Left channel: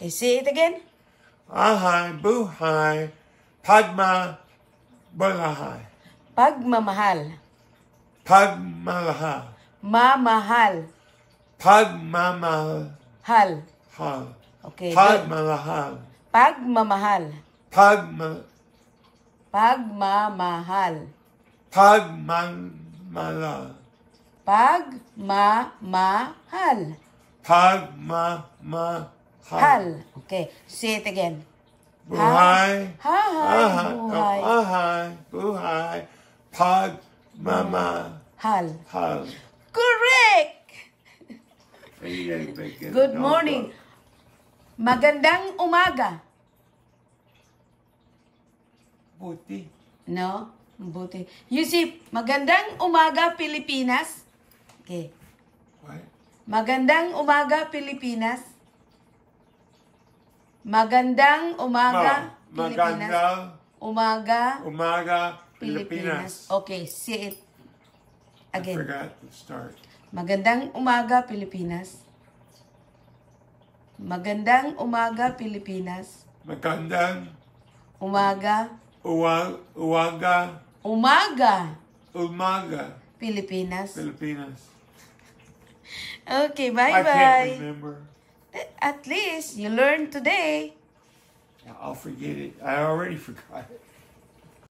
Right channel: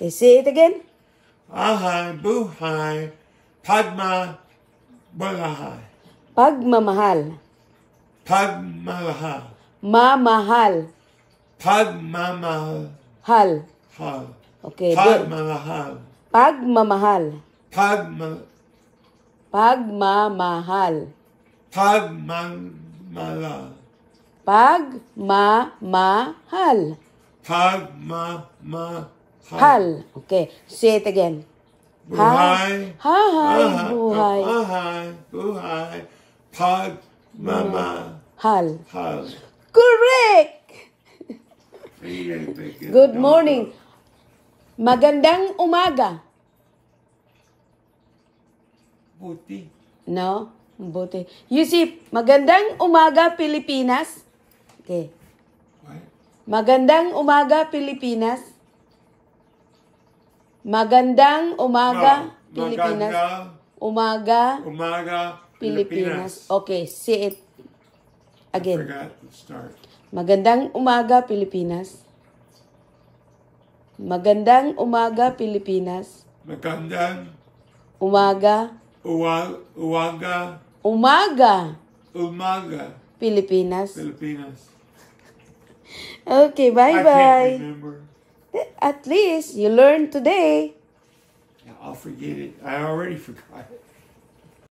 Okay, say it again. Ahay, buhay, pagma, balahay. Pagmamahal. Pagmalahal. Mamahal. Pagmamahal. Hal. Okay. Pagmalahal. Pagmamahal. Pagmamahal. Pagmamahal. Pagmamahal. Pagmamahal. Okay. Say it again. Buhay. Hahay. Buhay. Ahay. Buhay. Pagmamahal. Correct! Good morning. Magandang umaga. Buti. No? Buti. Yusip, magandang umaga, Pilipinas. Okay. What? Magandang umaga, Pilipinas. Magandang umaga, Pilipinas. Umaga, Pilipinas. Okay, say it again. I forgot to start. Magandang umaga, Pilipinas. Magandang umaga, Pilipinas. Magandang Umaga. Umaga, Pilipinas. Filipinas. Okay, I bye-bye. can't remember. At least you learned today. I'll forget it. I already forgot it.